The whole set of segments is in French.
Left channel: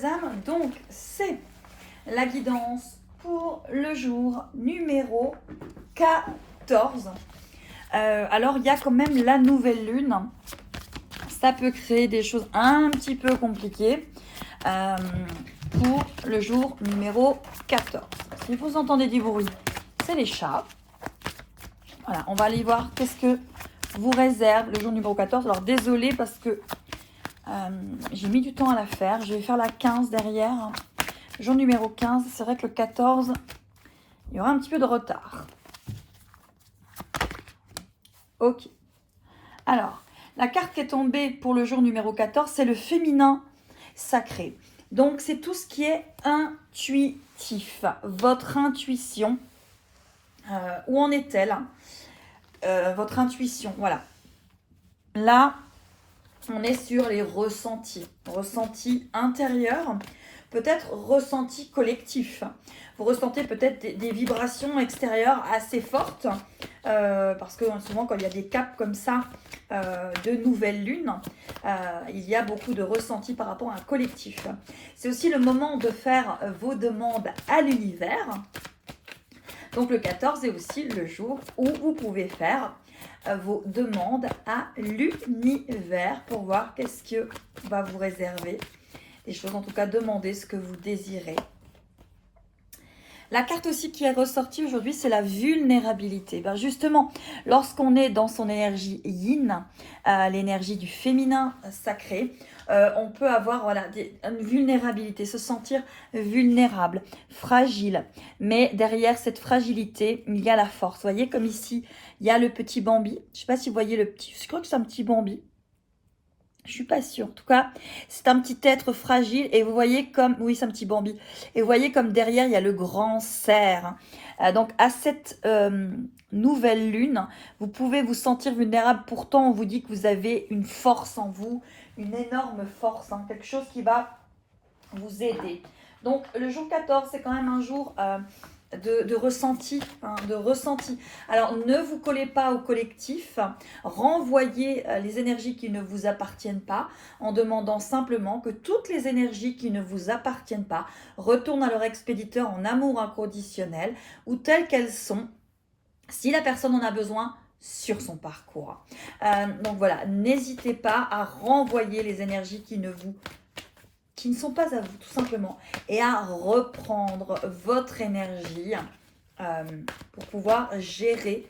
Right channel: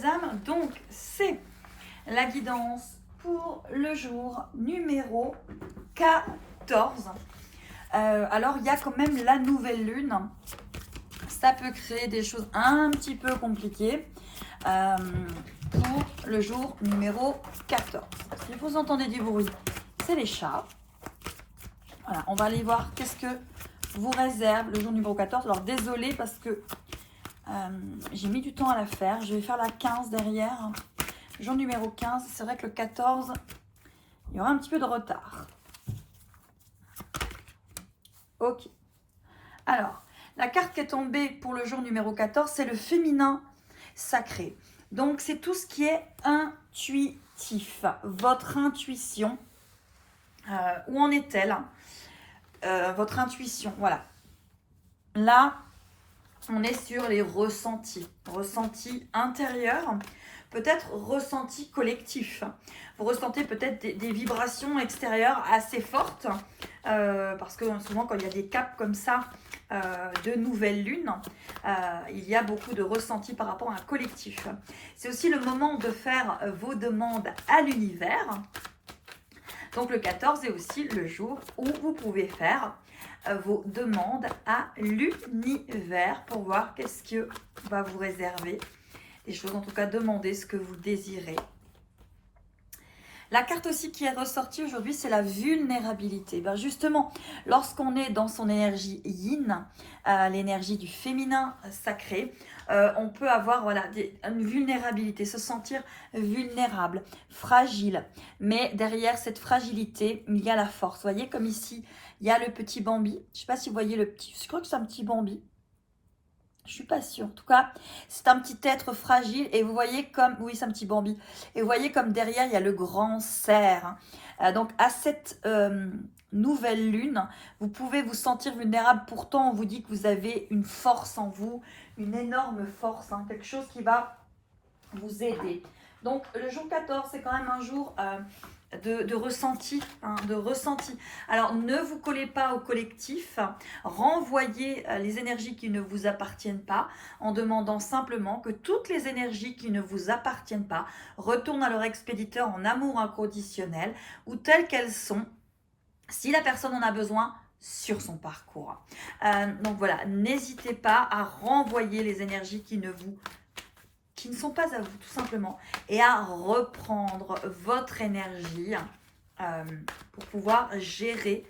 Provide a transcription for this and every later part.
belles âmes. Donc, c'est la guidance pour le jour numéro 14. Alors, il y a quand même la nouvelle lune. Ça peut créer des choses un petit peu compliquées pour le jour numéro 14. Si vous entendez du bruit, c'est les chats. Voilà, on va aller voir qu'est-ce que vous réserve le jour numéro 14. Alors, désolé parce que j'ai mis du temps à la faire. Je vais faire la 15 derrière. Jour numéro 15, c'est vrai que le 14, il y aura un petit peu de retard. Ok. Alors, la carte qui est tombée pour le jour numéro 14, c'est le féminin sacré. Donc, c'est tout ce qui est intuitif. Votre intuition, où en est-elle? Votre intuition, voilà. Là, on est sur les ressentis. Ressentis intérieurs, peut-être ressentis collectifs. Vous ressentez peut-être des vibrations extérieures assez fortes, parce que souvent quand il y a des caps comme ça de nouvelle lune, il y a beaucoup de ressentis par rapport à un collectif. C'est aussi le moment de faire vos demandes à l'univers. Donc le 14 est aussi le jour où vous pouvez faire vos demandes à l'univers pour voir qu'est-ce que va vous réserver. Des choses, en tout cas, demandez ce que vous désirez. La carte aussi qui est ressortie aujourd'hui, c'est la vulnérabilité. Ben justement, lorsqu'on est dans son énergie yin, l'énergie du féminin sacré, on peut avoir voilà, une vulnérabilité, se sentir vulnérable, fragile. Mais derrière cette fragilité, il y a la force. Vous voyez comme ici, il y a le petit Bambi. Je ne sais pas si vous voyez le petit, je crois que c'est un petit Bambi. Je suis pas sûre. En tout cas, c'est un petit être fragile et vous voyez comme, oui, c'est un petit Bambi. Et vous voyez comme derrière, il y a le grand cerf. Donc, à cette nouvelle lune, vous pouvez vous sentir vulnérable. Pourtant, on vous dit que vous avez une force en vous, une énorme force, hein, quelque chose qui va vous aider. Donc, le jour 14, c'est quand même un jour de ressenti, hein, de ressenti. Alors, ne vous collez pas au collectif, renvoyez les énergies qui ne vous appartiennent pas en demandant simplement que toutes les énergies qui ne vous appartiennent pas retournent à leur expéditeur en amour inconditionnel ou telles qu'elles sont, si la personne en a besoin, sur son parcours. Donc voilà, n'hésitez pas à renvoyer les énergies qui ne sont pas à vous, tout simplement, et à reprendre votre énergie pour pouvoir gérer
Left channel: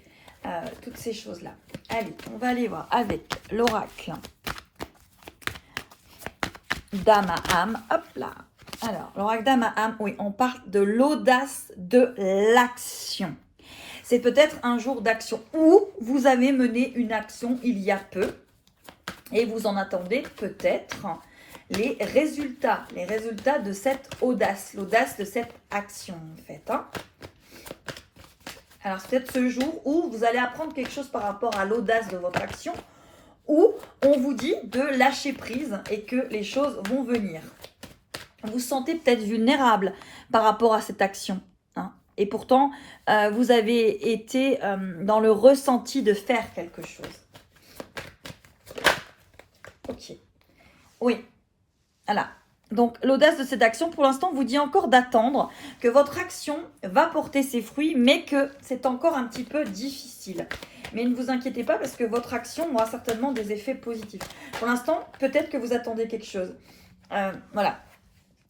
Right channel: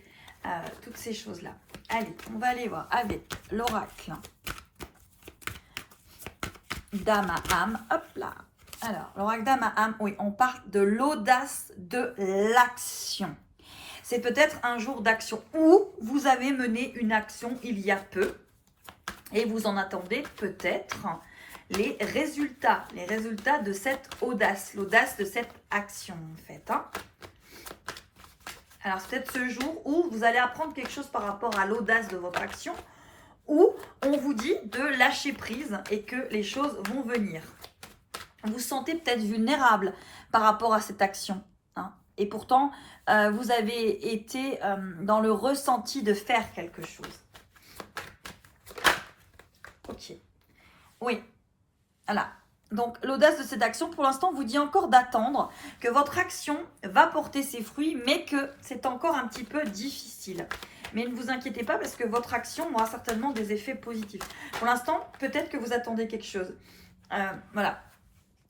toutes ces choses-là. Allez, on va aller voir avec l'oracle Dame à âme. Hop là. Alors, l'oracle Dame à âme, oui, on parle de l'audace de l'action. C'est peut-être un jour d'action où vous avez mené une action il y a peu et vous en attendez peut-être les résultats de cette audace, l'audace de cette action en fait. Hein. Alors c'est peut-être ce jour où vous allez apprendre quelque chose par rapport à l'audace de votre action, où on vous dit de lâcher prise et que les choses vont venir. Vous vous sentez peut-être vulnérable par rapport à cette action. Hein, et pourtant, vous avez été dans le ressenti de faire quelque chose. Ok. Oui. Voilà. Donc, l'audace de cette action, pour l'instant, vous dit encore d'attendre que votre action va porter ses fruits, mais que c'est encore un petit peu difficile. Mais ne vous inquiétez pas parce que votre action aura certainement des effets positifs. Pour l'instant, peut-être que vous attendez quelque chose. Voilà.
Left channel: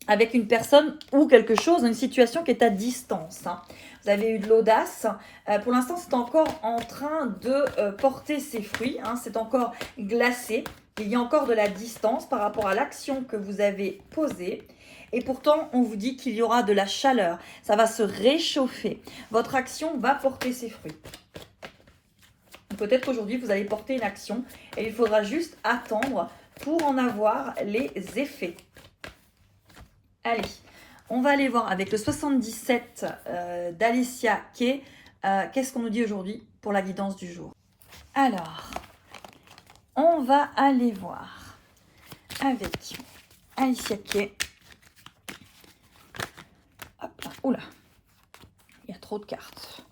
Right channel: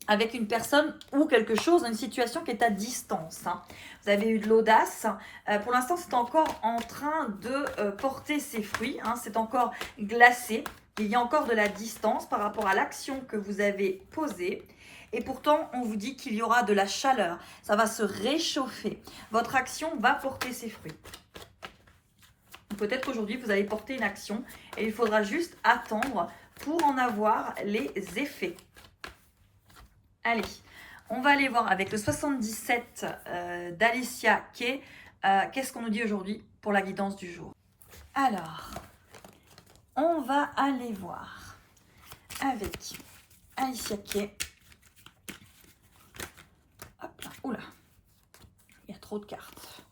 Avec une personne ou quelque chose, une situation qui est à distance. Hein. Vous avez eu de l'audace. Pour l'instant, c'est encore en train de porter ses fruits. Hein. C'est encore glacé. Il y a encore de la distance par rapport à l'action que vous avez posée. Et pourtant, on vous dit qu'il y aura de la chaleur. Ça va se réchauffer. Votre action va porter ses fruits. Peut-être qu'aujourd'hui, vous allez porter une action et il faudra juste attendre pour en avoir les effets. Allez, on va aller voir avec le 77 d'Alicia Kay. Qu'est-ce qu'on nous dit aujourd'hui pour la guidance du jour? Alors, on va aller voir avec Alicia Kay. Hop là, oula, il y a trop de cartes.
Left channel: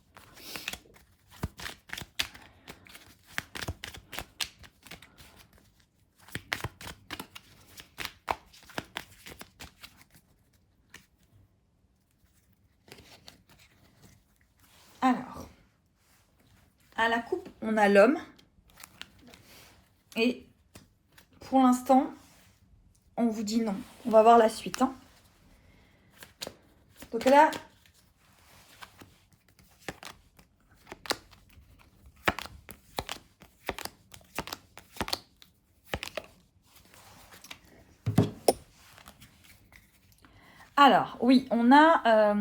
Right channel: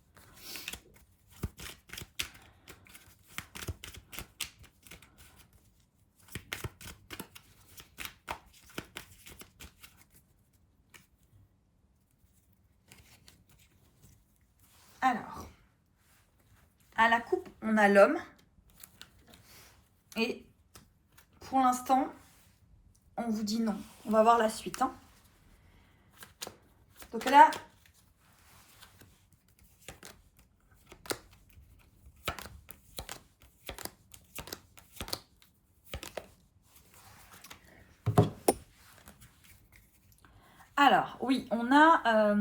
à la coupe, on a l'homme. Et pour l'instant, on vous dit non. On va voir la suite. Hein. Donc là, alors, oui, on a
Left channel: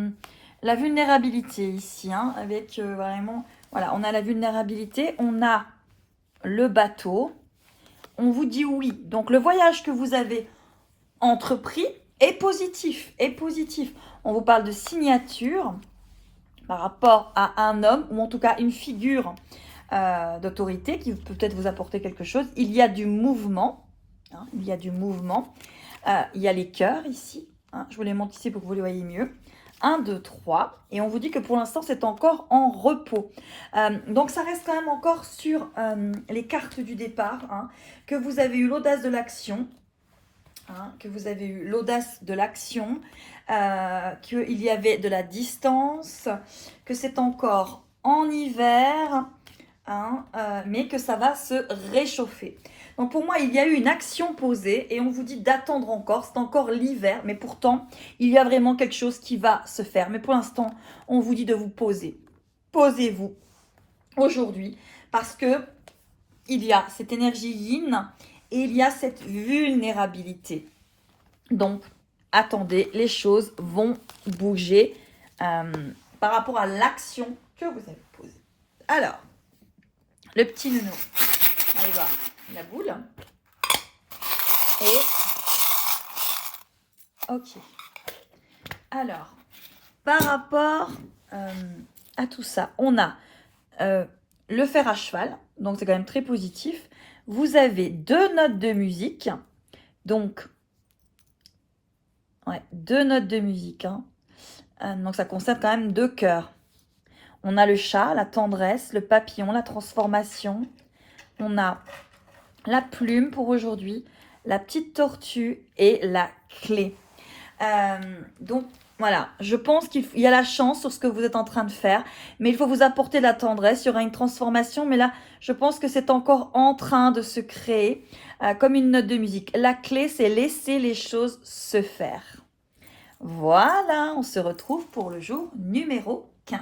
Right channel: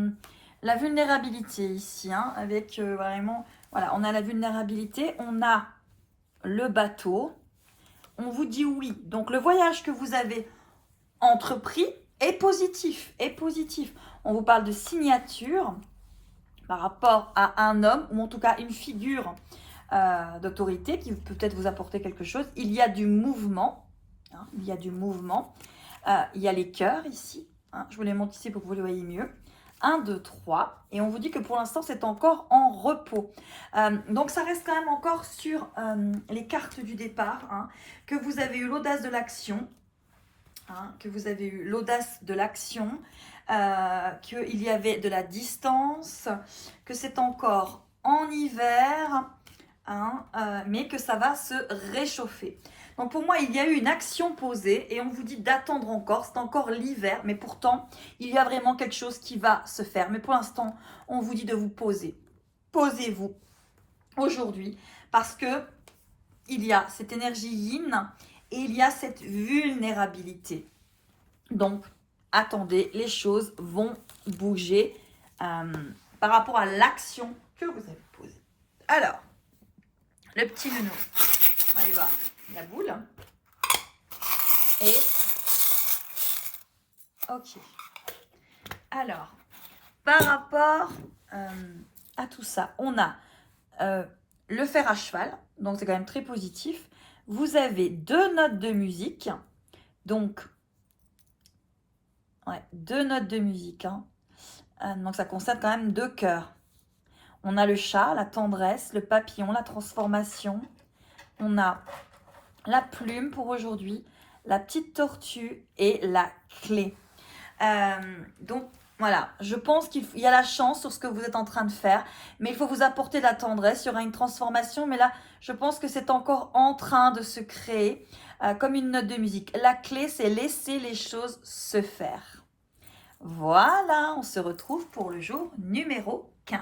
la vulnérabilité ici, hein, avec vraiment, voilà, on a la vulnérabilité, on a le bateau, on vous dit oui. Donc, le voyage que vous avez entrepris est positif, est positif. On vous parle de signature par rapport à un homme, ou en tout cas une figure d'autorité qui peut peut-être vous apporter quelque chose. Il y a du mouvement, hein, il y a du mouvement. Il y a les cœurs ici. Hein, je vous les montre ici pour que vous les voyez mieux. 1, 2, 3. Et on vous dit que pour l'instant, c'est encore en repos. Donc, ça reste quand même encore sur les cartes du départ. Hein, que vous avez eu l'audace de l'action. Hein, que vous avez eu l'audace de l'action. Qu'il y avait de la distance. Que c'est encore en hiver. Hein, mais que ça va se réchauffer. Donc pour moi, il y a eu une action posée et on vous dit d'attendre encore. C'est encore l'hiver, mais pourtant, il y a vraiment quelque chose qui va se faire. Mais pour l'instant, on vous dit de vous poser. Posez-vous aujourd'hui parce que il y a cette énergie yin et il y a cette vulnérabilité. Donc, attendez, les choses vont bouger par rapport à l'action que vous avez posée. Alors, le petit nounours. Allez voir la boule. Et ok. Alors, par rapport à tout ça, on a le fer à cheval, donc c'est quand même très positif. Vous avez 2 notes de musique, donc ouais, 2 notes de musique. Hein. Donc ça concerne quand même 2 cœurs. On a le chat, la tendresse, le papillon, la transformation. On a la plume pour aujourd'hui, la petite tortue et la clé. Donc voilà, je pense qu'il y a la chance sur ce que vous êtes en train de faire, mais il faut vous apporter de la tendresse, il y aura une transformation, mais là, je pense que c'est encore en train de se créer comme une note de musique. La clé, c'est laisser les choses se faire. Voilà, on se retrouve pour le jour numéro 15.